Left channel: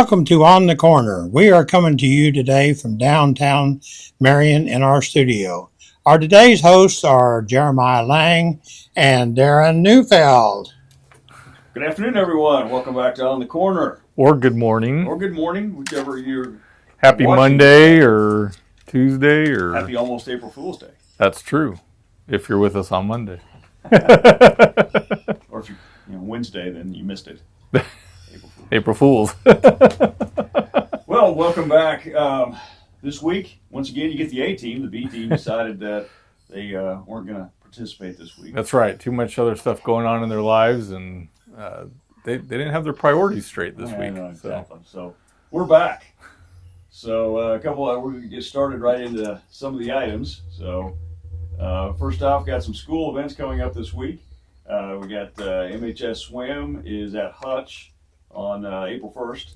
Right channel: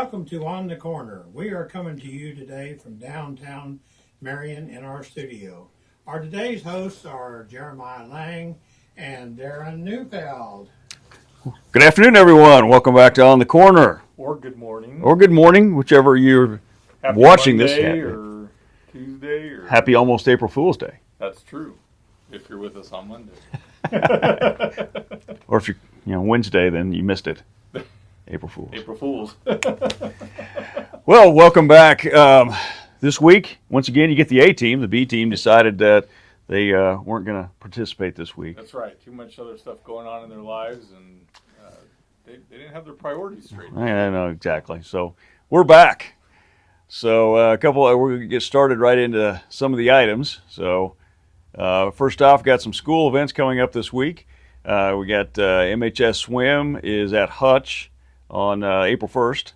Welcome to On the Corner. We are coming to you today from downtown Marion in our studio. Our today's hosts are Jeremiah Lang and Darren Neufeld. Good afternoon, everyone. Welcome back to On the Corner. Or good morning. Or good morning, whichever you're Happy watching Monday or Tuesday or... Happy almost April Fool's Day. That's true, if you're with us on Monday. Or if you're Wednesday, then you missed it. April Fools. April Fools. Well, welcome back. This week, once again, you get the A team. The B team decided that they weren't going to participate this week. That's right. Too much other stuff going on in their lives, and they didn't have their priorities straight this week. I know, exactly. So we're back. So we're going to get started right into some of the items. So first off, got some school events coming up this week. We got MHS Swim is at Hutch on April 1st.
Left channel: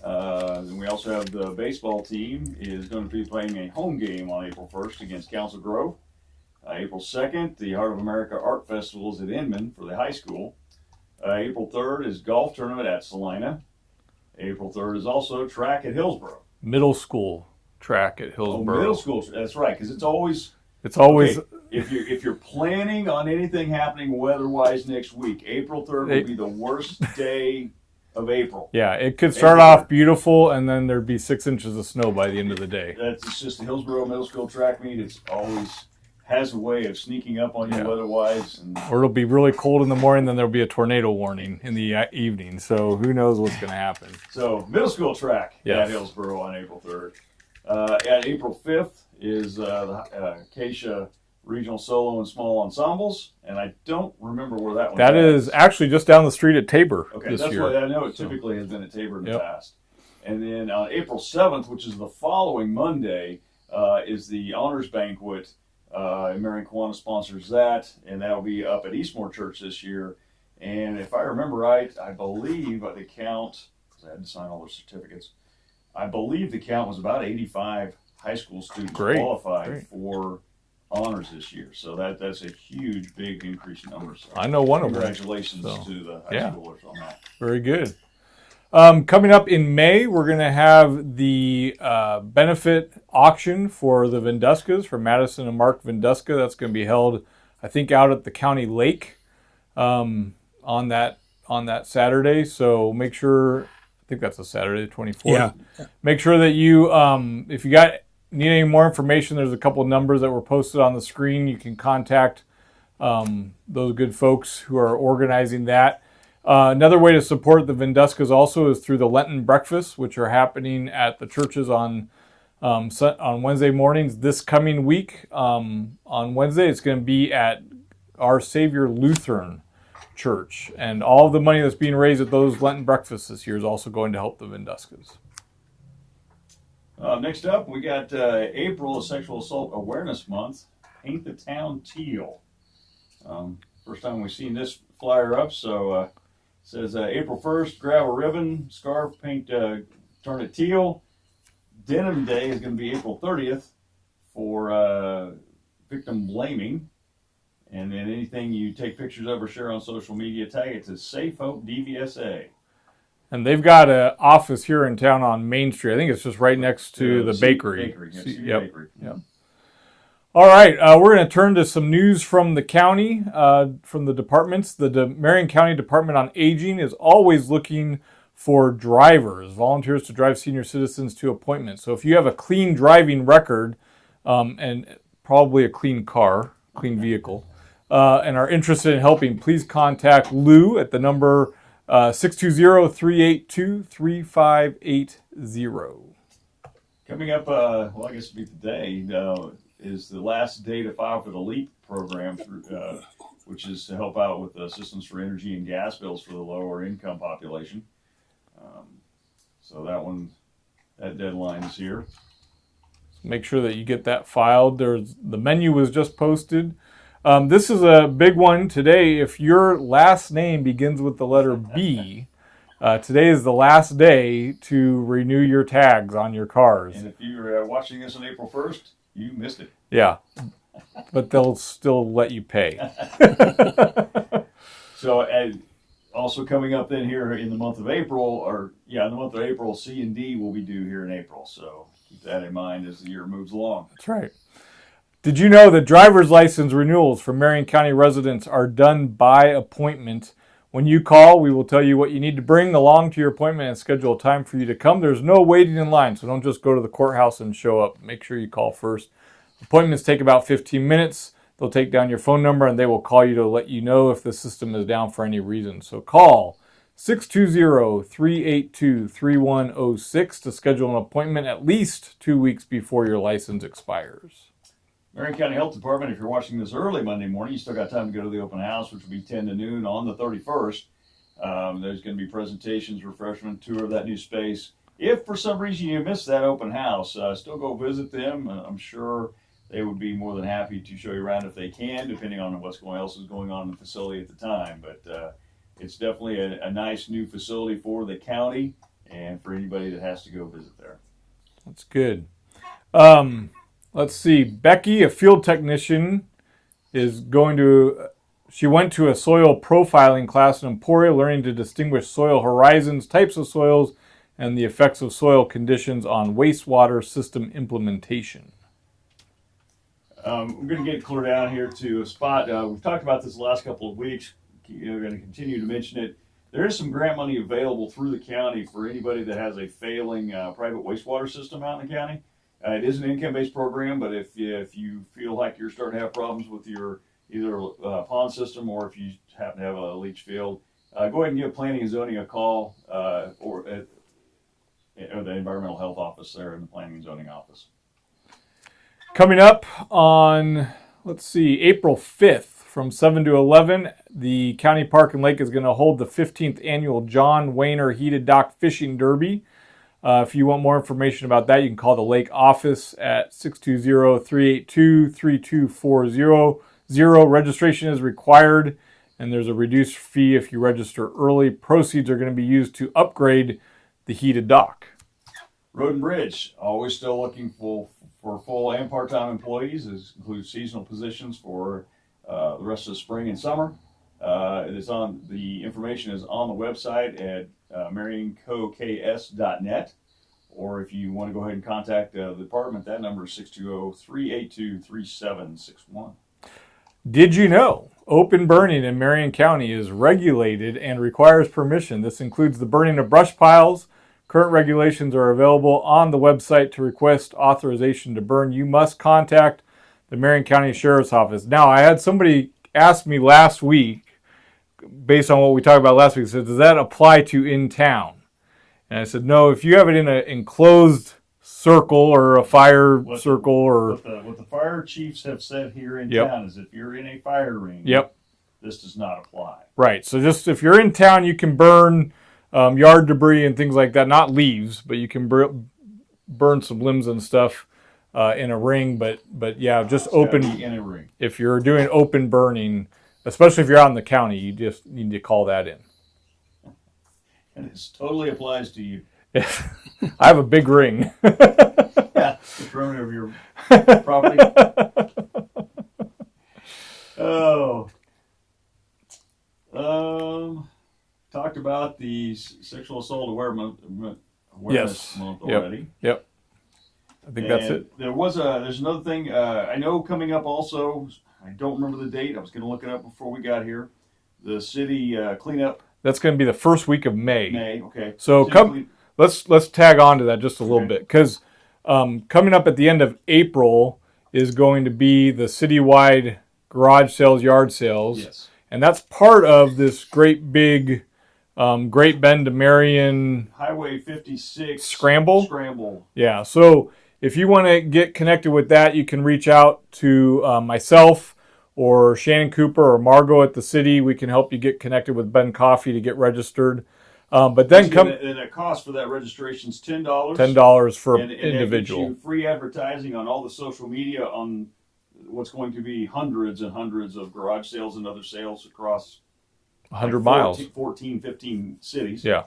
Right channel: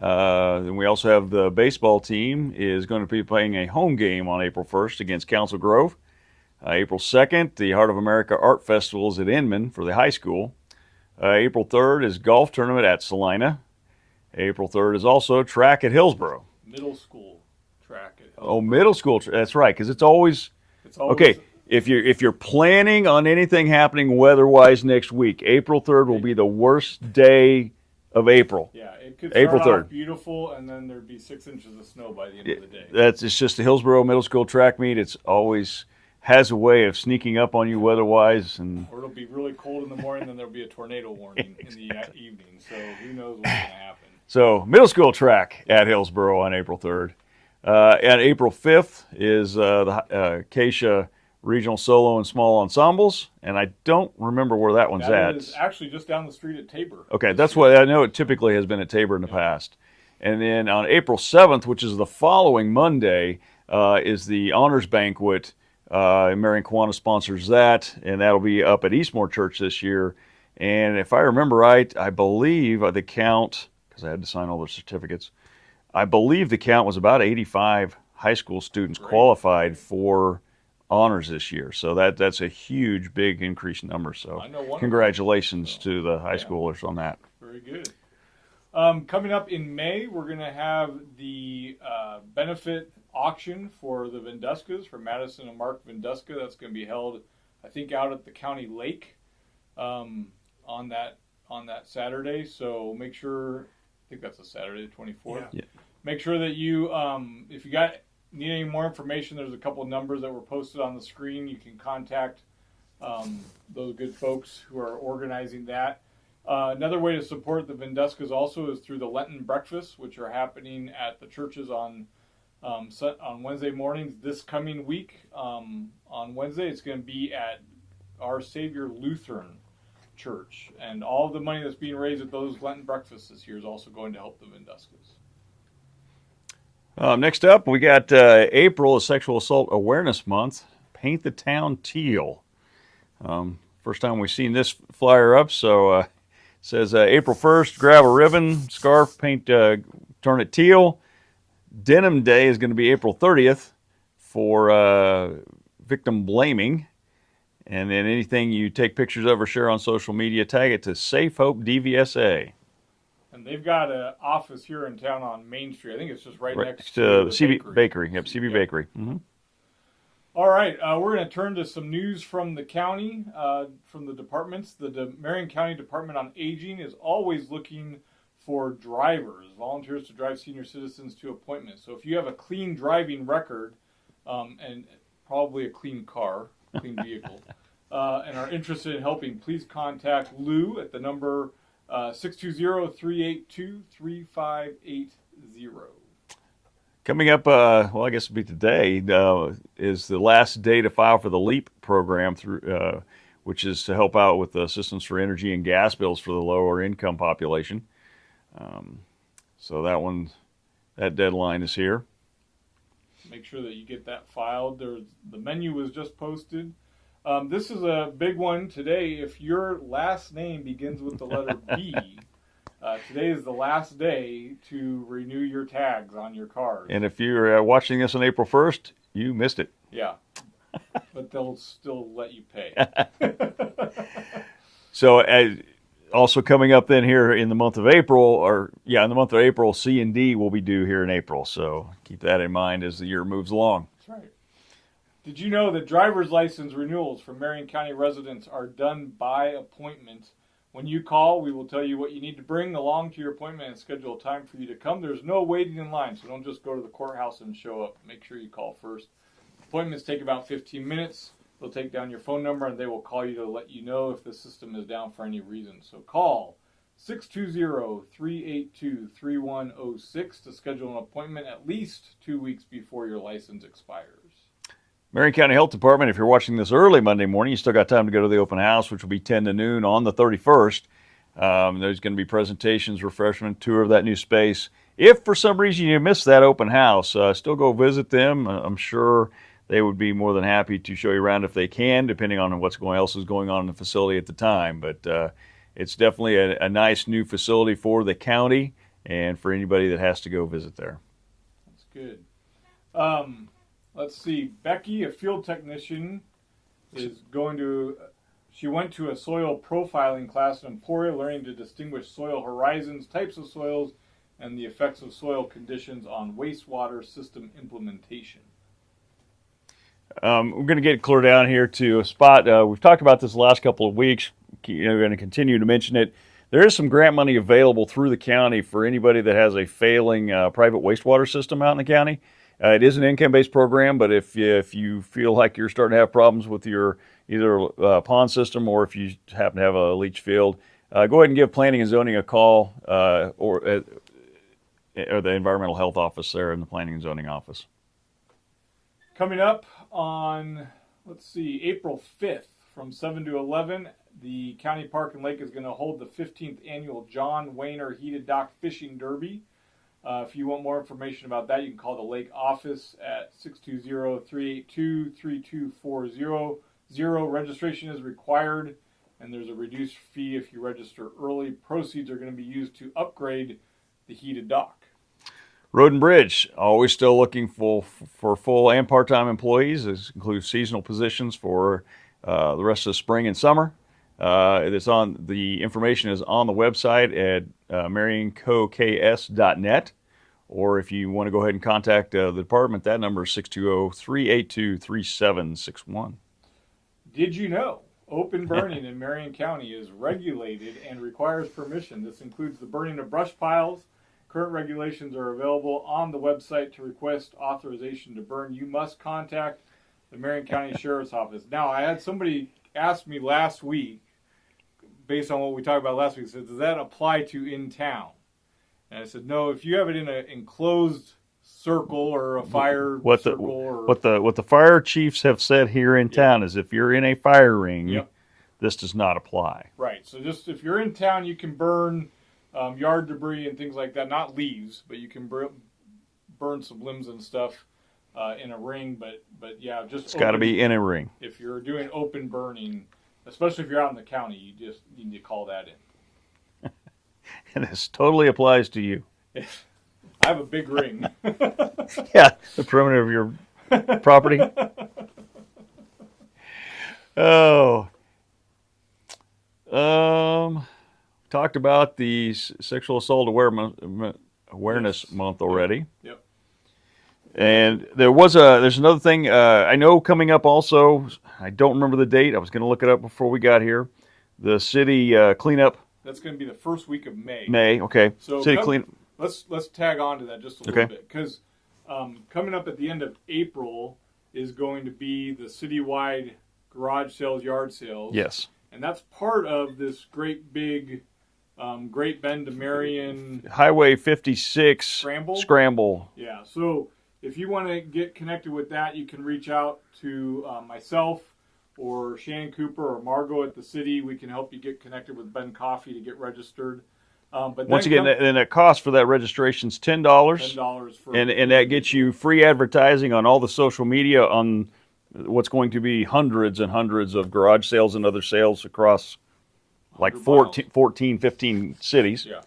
And we also have the baseball team is going to be playing a home game on April 1st against Council Grove. April 2nd, the Heart of America Art Festival is at Inman for the high school. April 3rd is golf tournament at Salina. April 3rd is also track at Hillsboro. Middle school track at Hillsboro. Oh, middle school. That's right, because it's always... Okay, if you're planning on anything happening weather-wise next week, April 3rd will be the worst day of April. Yeah, it could start off beautiful, and then there'd be 6 inches of snow by the end of the day. It's just the Hillsboro Middle School track meet. It's always has a way of sneaking up on you weather-wise. Or it'll be really cold in the morning, then there'll be a tornado warning in the evening. So who knows what's going to happen. So middle school track at Hillsboro on April 3rd. At April 5th is the Acacia Regional Solo and Small Ensembles, and I don't remember where that one's at. That is actually just down the street at Tabor. Okay, that's what I know. It typically has been at Tabor in the past. And then on April 7th, which is the following Monday, is the Honors Banquet. Marion Kansas sponsors that, and that'll be up at Eastmore Church this year. And if I remember right, I believe the count, because I had to sign all the certificates, I believe the count was about 85 high school students qualified for honors this year. So that's a huge, big increased number. So I know one. Congratulations to the high schoolers on that. Very good. Coming up in May, we're going to have the benefit auction for the Venduskas, for Madison and Mark Venduska. That's going to be held, I think, out at the county lake on that Saturday. So make sure, I think that's a Saturday, the 24th. Yeah. Make sure that you, if you need any more information, there's a couple of numbers that were posted on the screen. You can contact those good folks who are organizing that. Another way to support the Venduskas also is through the Lenten breakfasts, which are happening at the churches on Wednesday mornings this coming week. On Wednesday, it's going to be at Our Savior Lutheran Church. And all of the money that's being raised at those Lenten breakfasts this year is also going to help the Venduskas. Next up, we got April is Sexual Assault Awareness Month. Paint the town teal. First time we've seen this flyer up, so... says April 1st, grab a ribbon, scarf, paint, turn it teal. Denim Day is going to be April 30th for victim blaming. And then anything you take pictures of or share on social media, tag it to Safe Hope DVSA. And they've got an office here in town on Main Street. I think it's just right next to the bakery. CB Bakery. Yep. All right, we're going to turn to some news from the county, from the departments. The Marion County Department on Aging is always looking for drivers, volunteers to drive senior citizens to appointments. So if you have a clean driving record and probably a clean car, clean vehicle, and are interested in helping, please contact Lou at the number 620-382-3580. Coming up, well, I guess it'll be today, is the last day to file for the LEAP program, through, which is to help out with assistance for energy and gas bills for the lower income population. So that deadline is here. Make sure that you get that filed. The menu was just posted. This is a big one today. If your last name begins with the letter B, today is the last day to renew your tags on your cars. And if you're watching this on April 1st, you missed it. Yeah, but they'll still let you pay. So also coming up then here in the month of April, in the month of April, C&D will be due here in April. So keep that in mind as the year moves along. That's right. Did you know that driver's license renewals for Marion County residents are done by appointment? When you call, we will tell you what you need to bring along to your appointment and schedule a time for you to come. There's no waiting in line, so don't just go to the courthouse and show up. Make sure you call first. Appointments take about 15 minutes. They'll take down your phone number and they will call you to let you know if the system is down for any reason. So call 620-382-3106 to schedule an appointment at least 2 weeks before your license expires. Marion County Health Department, if you're watching this early Monday morning, you still got time to go to the open house, which will be 10 to noon on the 31st. There's going to be presentations, refreshment, tour of that new space. If for some reason you missed that open house, still go visit them. I'm sure they would be more than happy to show you around if they can, depending on what else is going on in the facility at the time. But it's definitely a nice new facility for the county and for anybody that has to go visit there. That's good. Let's see. Becky, a field technician, she went to a soil profiling class in Emporia, learning to distinguish soil horizons, types of soils, and the effects of soil conditions on wastewater system implementation. We're going to get clear down here to a spot. We've talked about this the last couple of weeks. We're going to continue to mention it. There is some grant money available through the county for anybody that has a failing private wastewater system out in the county. It is an income-based program, but if you feel like you're starting to have problems with your either pond system or if you happen to have a leach field, go ahead and give Planning and Zoning a call or the Environmental Health Office there in the Planning and Zoning Office. Coming up on, April 5th from 7 to 11, the County Park and Lake is going to hold the 15th annual John Wayner Heated Dock Fishing Derby. If you want more information about that, you can call the Lake office at 620-382-3240. Registration is required, and there's a reduced fee if you register early. Proceeds are going to be used to upgrade the heated dock. Road and Bridge, always still looking for full and part-time employees. This includes seasonal positions for the rest of the spring and summer. The information is on the website at marioncoks.net, or if you want to go ahead and contact the department, that number is 620-382-3761. Did you know open burning in Marion County is regulated and requires permission? This includes the burning of brush piles. Current regulations are available on the website. To request authorization to burn, you must contact the Marion County Sheriff's Office. Now, I had somebody ask me last week, based on what we talked about last week, said, does that apply to in town? And I said, no, if you have it in an enclosed circle or a fire circle. What the fire chiefs have said here in town is if you're in a fire ring, this does not apply. Right. So just if you're in town, you can burn yard debris and things like that, not leaves, but you can burn some limbs and stuff in a ring. But yeah, just it's open. Got to be in a ring. If you're doing open burning, especially if you're out in the county, you just need to call that in. And this totally applies to you. I have a big ring. Yeah, the perimeter of your property. Oh. Talked about the Sexual Assault Awareness Month already. Yep. And there's another thing I know coming up also. I don't remember the date. I was going to look it up before we got here. The city cleanup. That's going to be the first week of May. May, okay. So let's tag on to that just a little bit, because coming up at the end of April is going to be the citywide garage sales, yard sales. Yes. And that's part of this great big Great Bend to Marion Highway 56 Scramble. Yeah. So if you want to get connected with that, you can reach out to myself or Shannon Cooper or Margot at the city. We can help you get connected with Ben Coffey to get registered. But then and the cost for that registration is $10. $10 for and that gets you free advertising on all the social media on what's going to be hundreds and hundreds of garage sales and other sales across 100 miles. 14, 15 cities. Yeah.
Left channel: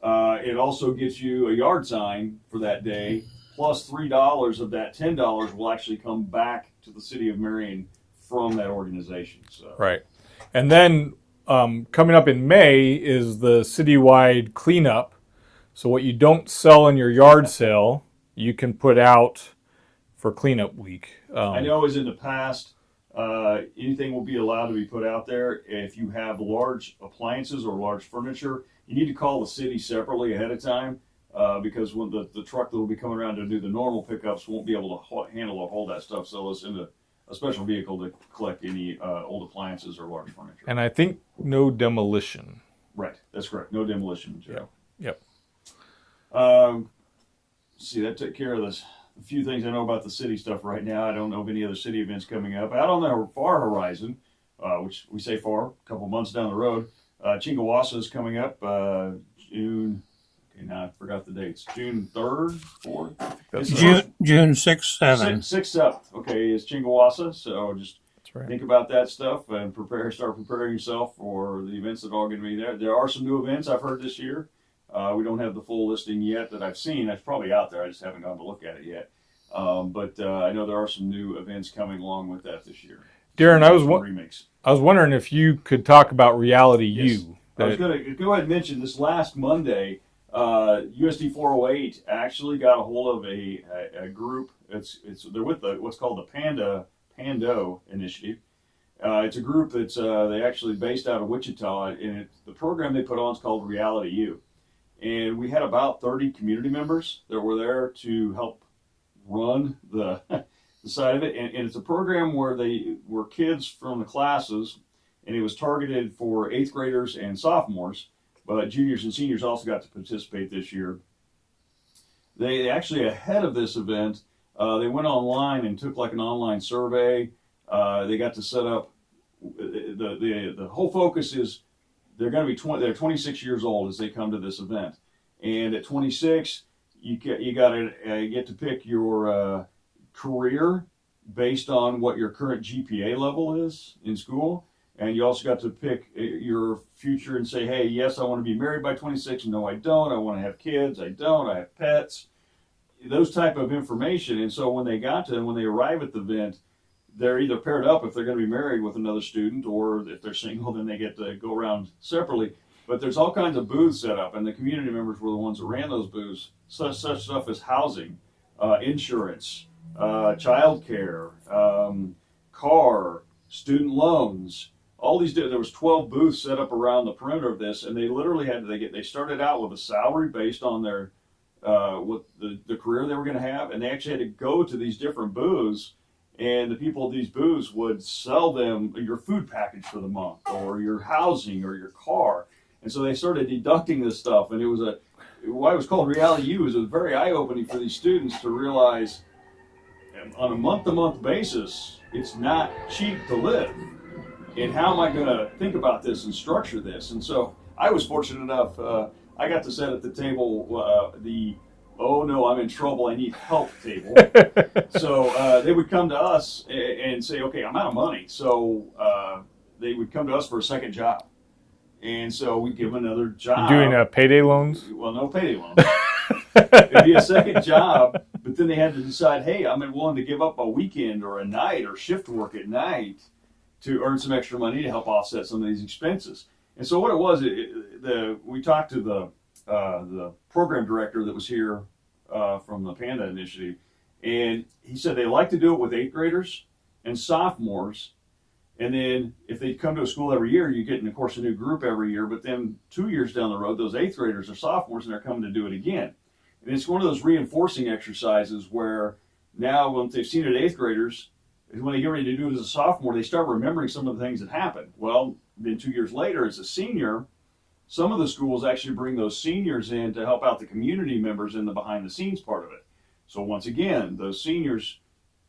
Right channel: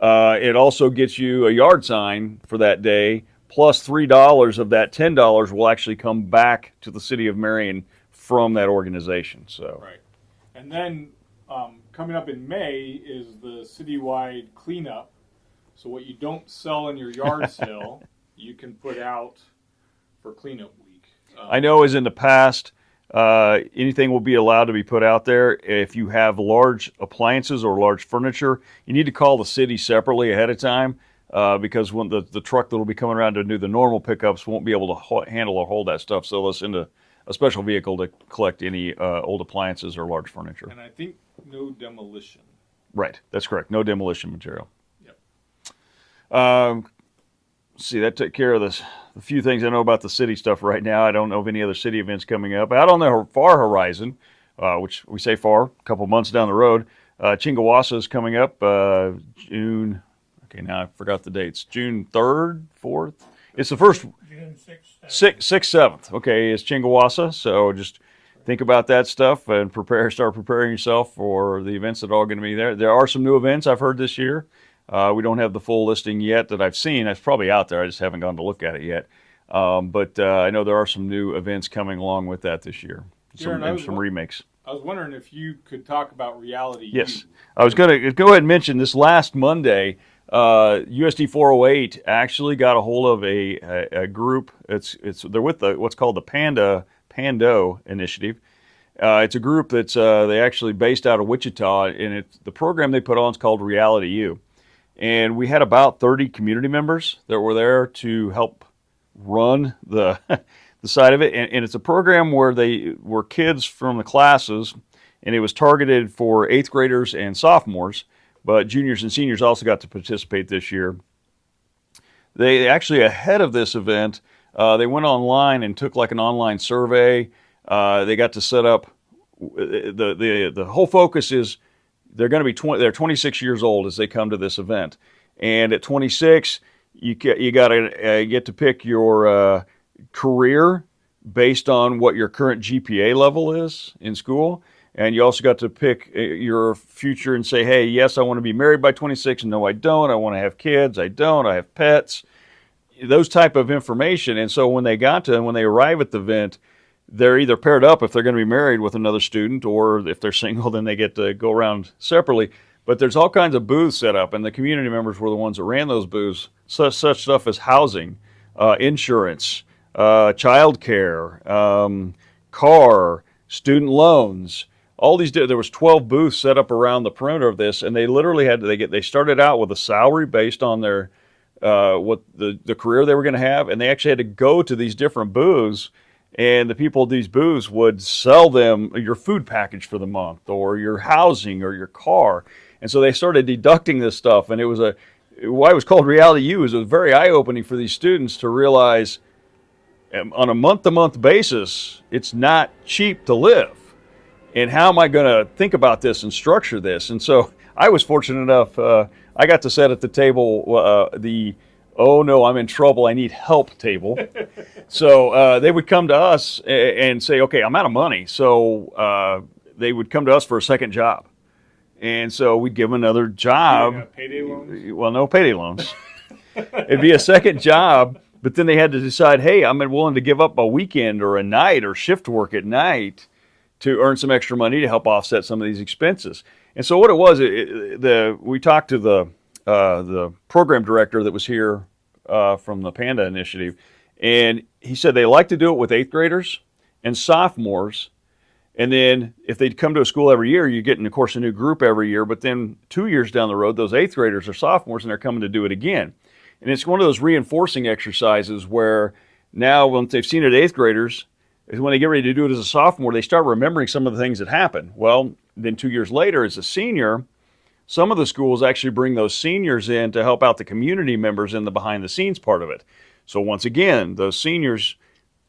It also gets you a yard sign for that day, plus $3 of that $10 will actually come back to the city of Marion from that organization. So right. And then coming up in May is the citywide cleanup. So what you don't sell in your yard sale, you can put out for cleanup week. I know as in the past, anything will be allowed to be put out there. If you have large appliances or large furniture, you need to call the city separately ahead of time because when the truck that will be coming around to do the normal pickups won't be able to handle or hold that stuff. So they'll send a special vehicle to collect any old appliances or large furniture. And I think no demolition. Right, that's correct. No demolition material. Yep. See, that took care of this. A few things I know about the city stuff right now. I don't know of any other city events coming up. Out on the far horizon, which we say far, a couple months down the road, Chingawassa is coming up June. Okay, now I forgot the dates. June 3rd, 4th. It's the first June 6th, 7th. 6th, 7th. Okay, it's Chingawassa. So just think about that stuff and start preparing yourself for the events that are all going to be there. There are some new events I've heard this year. We don't have the full listing yet that I've seen. That's probably out there. I just haven't gone to look at it yet. But I know there are some new events coming along with that this year. Darren, remakes. I was wondering if you could talk about Reality Yes. U. I was going to go ahead and mention this last Monday. USD 408 actually got a hold of a group. They're with what's called the Pando initiative. It's a group that's they actually based out of Wichita, and the program they put on is called Reality U. And we had about 30 community members that were there to help run the side of it. And it's a program where they were kids from the classes, and it was targeted for 8th graders and sophomores, but juniors and seniors also got to participate this year. They actually, ahead of this event, they went online and took like an online survey. They got to set up, the whole focus is they're going to be they're 26 years old as they come to this event. And at 26, you got to get to pick your career based on what your current GPA level is in school. And you also got to pick your future and say, hey, yes, I want to be married by 26. No, I don't. I want to have kids. I don't. I have pets. Those type of information. And so when they arrive at the event, they're either paired up if they're going to be married with another student, or if they're single, then they get to go around separately. But there's all kinds of booths set up, and the community members were the ones that ran those booths. Such stuff as housing, insurance, childcare, car, student loans. All these, there was 12 booths set up around the perimeter of this, and they literally they started out with a salary based on their what the career they were going to have, and they actually had to go to these different booths, and the people at these booths would sell them your food package for the month, or your housing, or your car. And so they started deducting this stuff, and why it was called Reality U is it was very eye-opening for these students to realize on a month-to-month basis, it's not cheap to live. And how am I going to think about this and structure this? And so I was fortunate enough, I got to sit at the table, oh no, I'm in trouble, I need help table. So they would come to us and say, okay, I'm out of money. So they would come to us for a second job. And so we'd give them another job. Doing payday loans? Well, no payday loans. It'd be a second job, but then they had to decide, hey, I'm willing to give up a weekend or a night or shift work at night to earn some extra money to help offset some of these expenses. And so what it was, we talked to the program director that was here from the Panda Initiative, and he said they like to do it with 8th graders and sophomores. And then if they'd come to a school every year, you get, of course, a new group every year. But then 2 years down the road, those 8th graders are sophomores, and they're coming to do it again. And it's one of those reinforcing exercises where now once they've seen it 8th graders, when they get ready to do it as a sophomore, they start remembering some of the things that happened. Well, then 2 years later, as a senior, some of the schools actually bring those seniors in to help out the community members in the behind-the-scenes part of it. So once again, those seniors,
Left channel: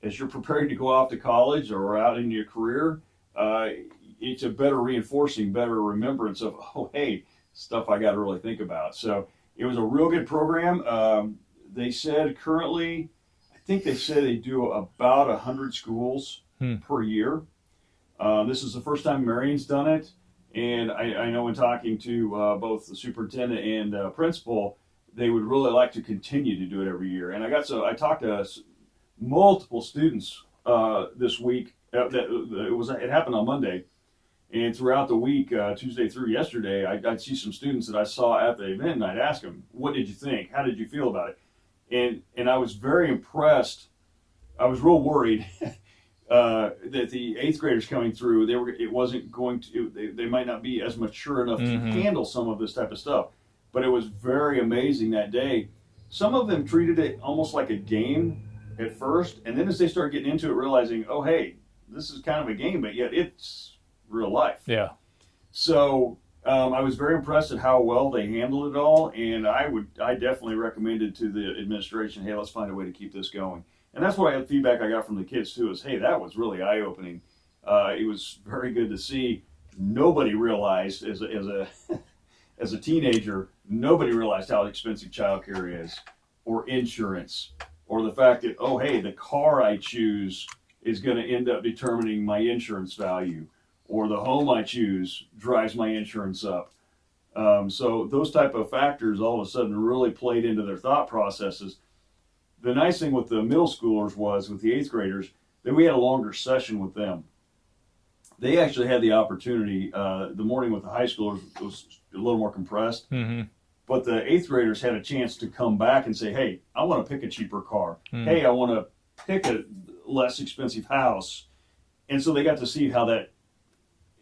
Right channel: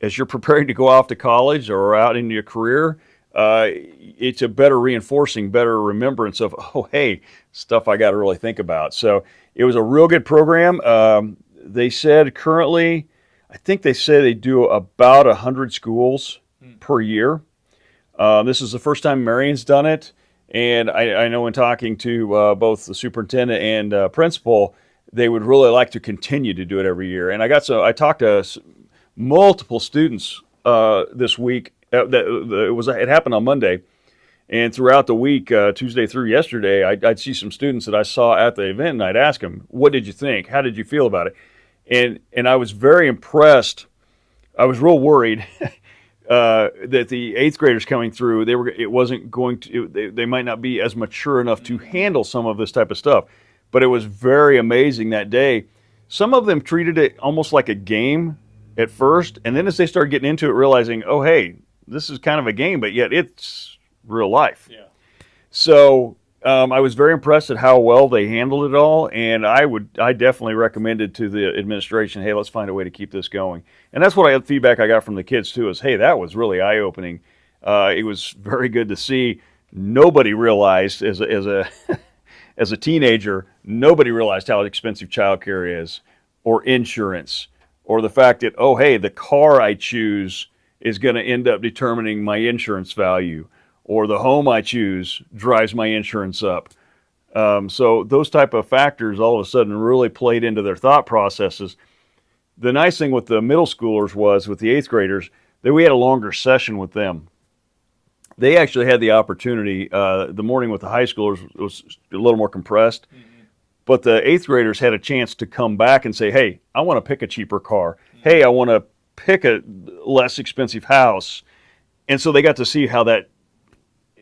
as you're preparing to go off to college or out into your career, it's a better reinforcing, better remembrance of, oh, hey, stuff I got to really think about. So it was a real good program. They said currently, I think they say they do about 100 schools per year. This is the first time Marion's done it. And I know in talking to both the superintendent and principal, they would really like to continue to do it every year. And I talked to multiple students this week. It happened on Monday, And throughout the week, Tuesday through yesterday, I'd see some students that I saw at the event, and I'd ask them, "What did you think? How did you feel about it?" And I was very impressed. I was real worried that the eighth graders coming through, they might not be as mature enough to handle some of this type of stuff. But it was very amazing that day. Some of them treated it almost like a game at first, and then as they started getting into it, realizing, oh, hey, this is kind of a game, but yet it's real life. Yeah. So I was very impressed at how well they handled it all, and I definitely recommended to the administration, hey, let's find a way to keep this going. And that's what feedback I got from the kids too, is, hey, that was really eye-opening. It was very good to see. Nobody realized as a as a teenager, nobody realized how expensive childcare is, or insurance, or the fact that, oh, hey, the car I choose is going to end up determining my insurance value, or the home I choose drives my insurance up. So those type of factors all of a sudden really played into their thought processes. The nice thing with the middle schoolers was, with the eighth graders, that we had a longer session with them. They actually had the opportunity, the morning with the high schoolers was a little more compressed, but the eighth graders had a chance to come back and say, hey, I want to pick a cheaper car. Hey, I want to pick a less expensive house. And so they got to see how that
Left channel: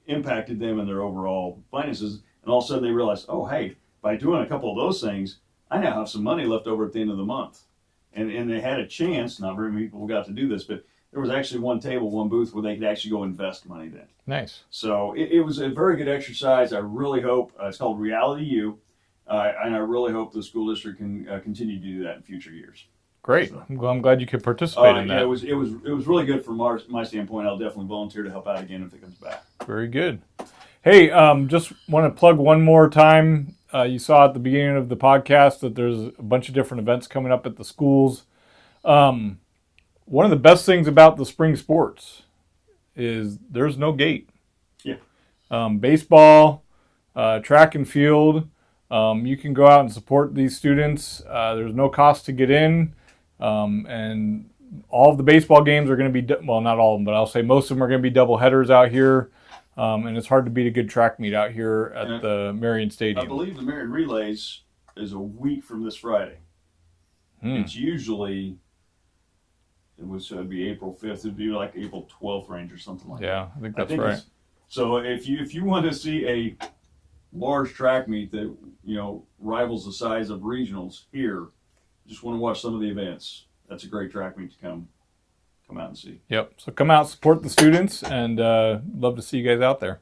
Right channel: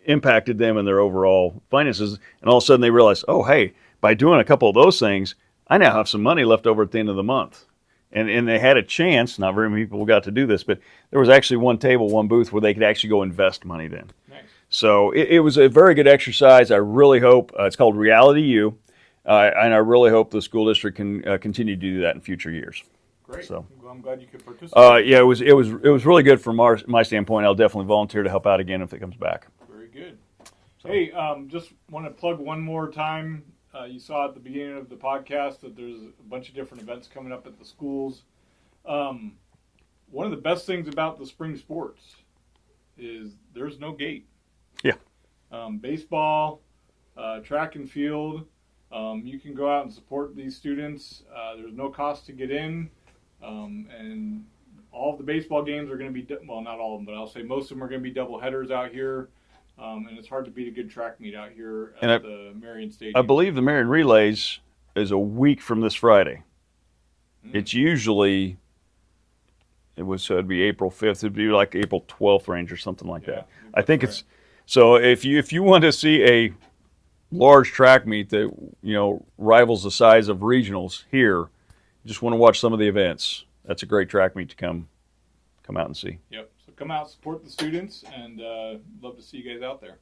impacted them and their overall finances. And all of a sudden they realized, oh, hey, by doing a couple of those things, I now have some money left over at the end of the month. And they had a chance, not very many people got to do this, but there was actually one table, one booth where they could actually go invest money then. Nice. So it was a very good exercise. I really hope, it's called Reality U, and I really hope the school district can continue to do that in future years. Great. So, Well, I'm glad you could participate. yeah, it was really good from my standpoint. I'll definitely volunteer to help out again if it comes back. Very good. Hey, just want to plug one more time. You saw at the beginning of the podcast that there's a bunch of different events coming up at the schools. One of the best things about the spring sports is there's no gate. Yeah. Baseball, track and field, you can go out and support these students. There's no cost to get in. And all of the baseball games are going to be, well, not all of them, but I'll say most of them are going to be double headers out here. And it's hard to beat a good track meet out here at the Marion Stadium. I believe the Marion Relays is a week from this Friday. It's usually, it'd be April 5th. It'd be like April 12th range or something like that. I think that's right. It's, so if you want to see a large track meet that, rivals the size of regionals here, you just want to watch some of the events, that's a great track meet to come out and see. Yep. So come out, support the students, and love to see you guys out there.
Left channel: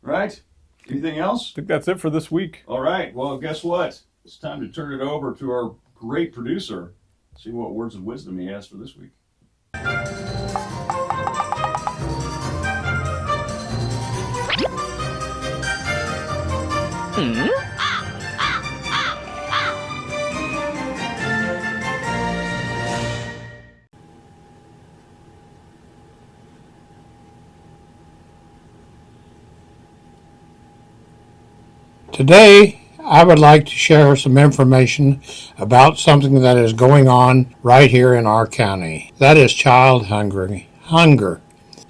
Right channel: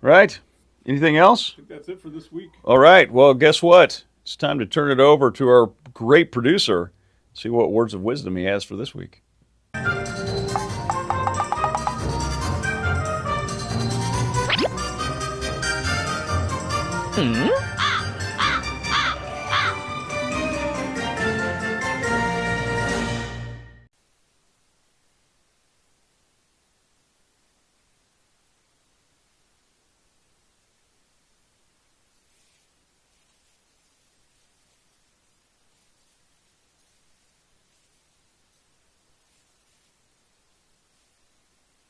Right. Anything else? I think that's it for this week. All right. Well, guess what? It's time to turn it over to our great producer. See what words of wisdom he has for this week. Today, I would like to share some information about something that is going on right here in our county. That is child hunger.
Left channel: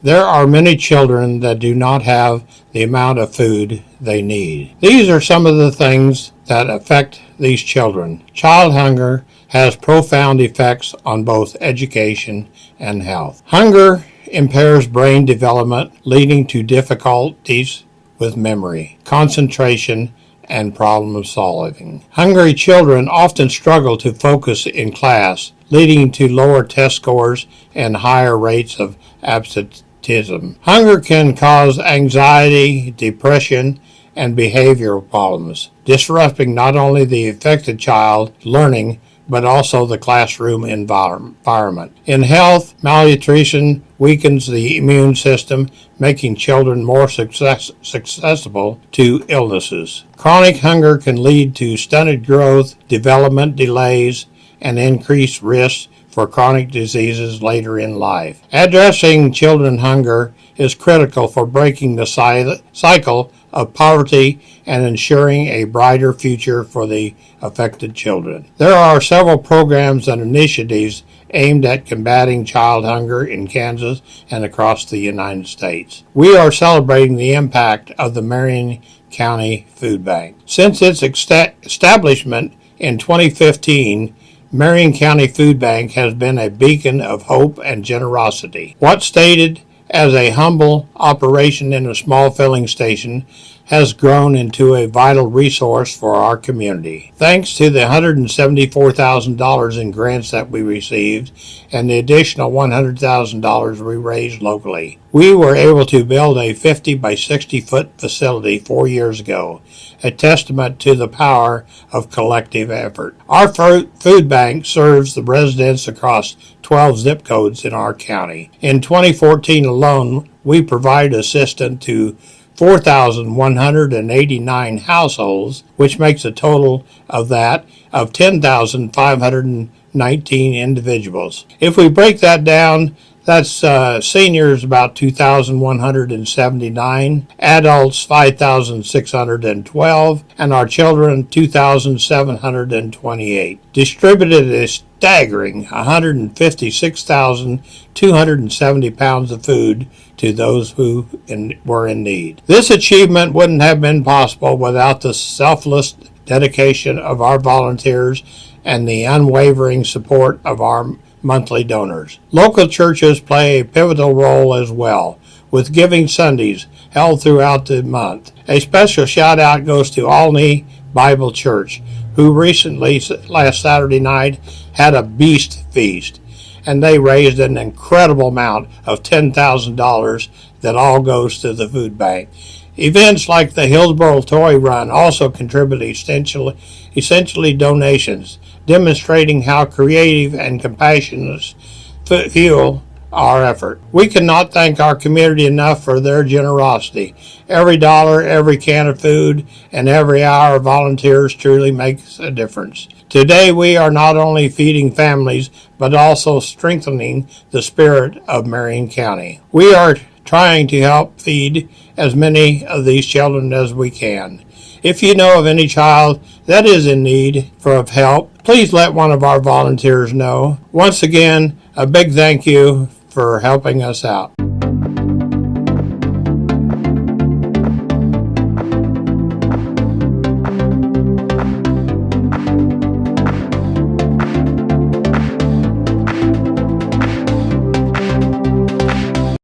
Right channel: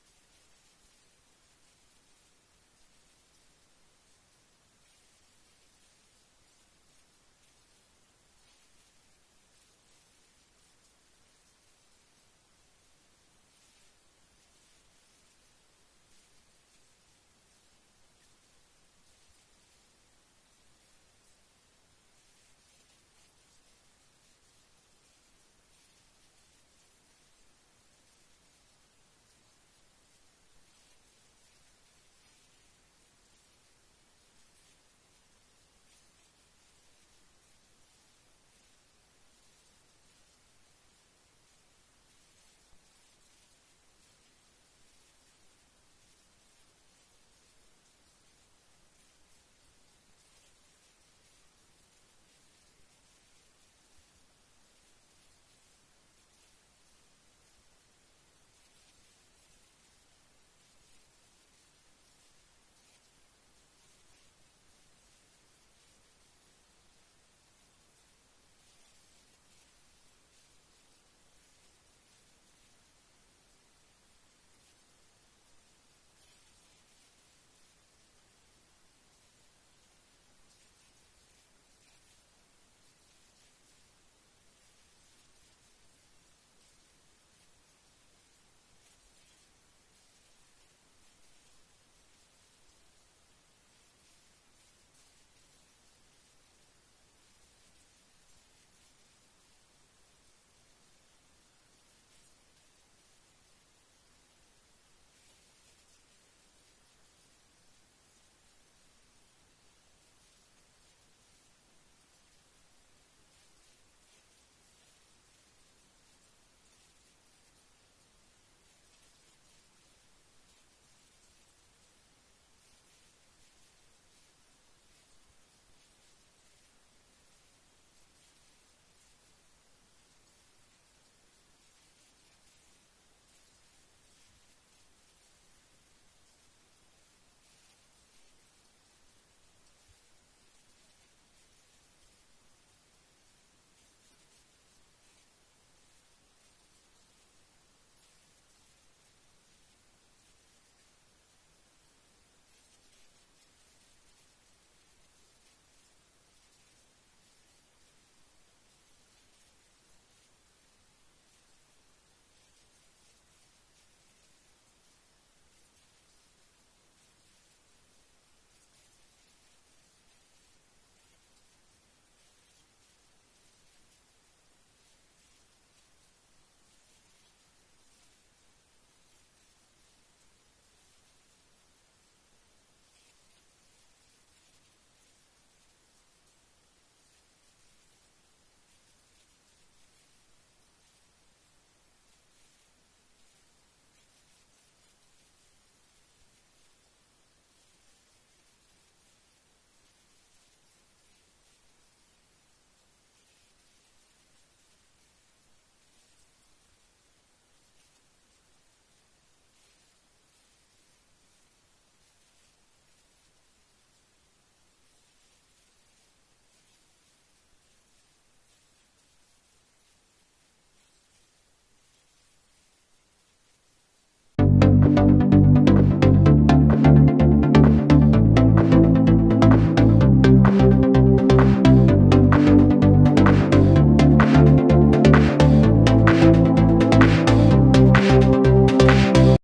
There are many children that do not have the amount of food they need. These are some of the things that affect these children. Child hunger has profound effects on both education and health. Hunger impairs brain development, leading to difficulties with memory, concentration, and problem solving. Hungry children often struggle to focus in class, leading to lower test scores and higher rates of absenteeism. Hunger can cause anxiety, depression, and behavioral problems, disrupting not only the affected child's learning, but also the classroom environment. In health, malnutrition weakens the immune system, making children more susceptible to illnesses. Chronic hunger can lead to stunted growth, development delays, and increased risks for chronic diseases later in life. Addressing children's hunger is critical for breaking the cycle of poverty and ensuring a brighter future for the affected children. There are several programs and initiatives aimed at combating child hunger in Kansas and across the United States. We are celebrating the impact of the Marion County Food Bank. Since its establishment in 2015, Marion County Food Bank has been a beacon of hope and generosity. What started as a humble operation in a small filling station has grown into a vital resource for our community. Thanks to the $174,000 in grants that we received and the additional $100,000 we raised locally, we were able to build a 50 by 60 foot facility 4 years ago, a testament to the power of collective effort. Our food bank serves the residents across 12 zip codes in our county. In 2014 alone, we provided assistance to 4,189 households, which makes a total of that of 10,519 individuals. If we break that down, that's seniors about 2,179, adults 5,612, and our children 2,728. Distributed a staggering 156,270 pounds of food to those who were in need. This achievement wouldn't have been possible without the selfless dedication of our volunteers and the unwavering support of our monthly donors. Local churches play a pivotal role as well, with Giving Sundays held throughout the month. A special shout out goes to Alney Bible Church, who recently, last Saturday night, had a beast feast, and they raised an incredible amount of $10,000 that all goes to the food bank. Events like the Hillsboro Toy Run also contribute essentially donations, demonstrating how creative and compassionate fuel our effort. We cannot thank our community enough for their generosity. Every dollar, every can of food, and every hour of volunteers truly makes a difference. Today we are not only feeding families, but also strengthening the spirit of Marion County. We are trying to help feed as many of these children as we can. If you know of any child that is in need of help, please let one of our volunteers know. Once again, a big thank you for helping us out.